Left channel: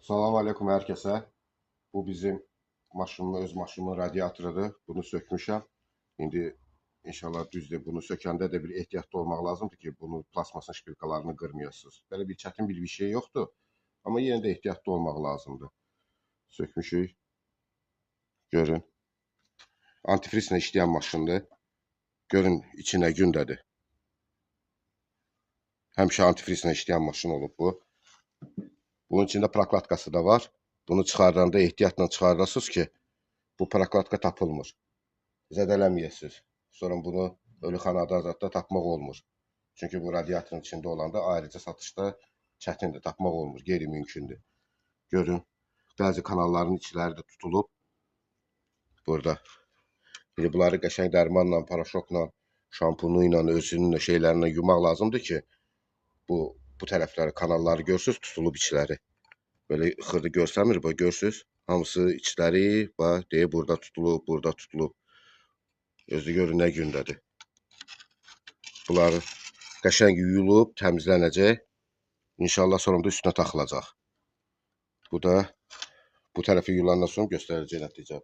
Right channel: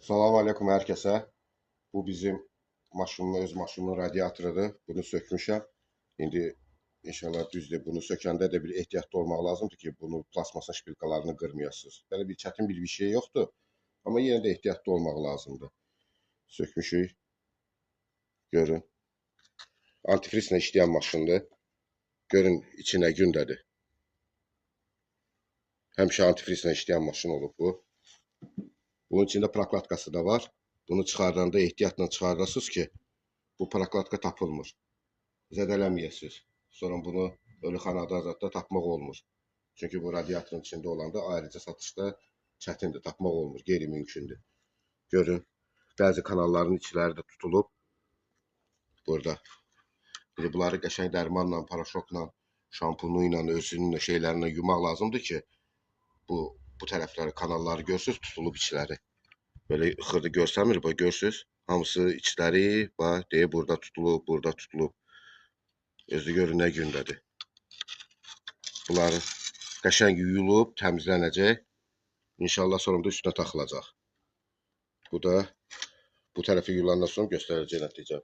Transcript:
Salam aleyküm hər kəsə. Bu bizim öz maşınımın radiatorudur. Bunu sökmüşəm. İndi inşallah düzdür. Bunu sökəndə də bir ehtiyatlı olmaq lazımdır ki, bunu plasmasın şpilkalarını qırmayasınız. Belə bir çətin bir şey yoxdur. Amma yenə də ehtiyatlı olmaq lazımdır. Sökmüşük. Görün. Antifrizlə işləyən maşındır. Görün içi nə gündədir. Həmişə antifrizlə işləyən maşın olub bu. Bunun içində prokladkası da var. Bunu çıxardanda ehtiyatla çıxardasınız ki, bu prokladka tapılmır. Zədələməyəsiniz. Sonra bunu ölüxanada zətdə tapmaq olmur. Çünki bu radiatorun içində olanda ayrıca satışda çətindir, tapmaq olmur, qeyri-mümkündür. Görün, bəzi kanalların içləri də tutulub. Burada. Bir bunları qəşəng dərmanla, paraşokla, şampunu ilə, özünün şeylərinə yumaq lazımdır ki, bu tərəfləri, kanalları görsünüz, tutulub içləri. Böyle xırda görsəmir, bu görsünüz. Hamısı içləri, bax, deyə burada tutulub, burada tutulub. Özü görün nə gündədir. Bunları qəşəng yuyulub, təmizlənəcək. İnşallah sonunda üstünə taxılacaq. Bu da bu tərəfi yulandan sonra göstərəcək nəticə.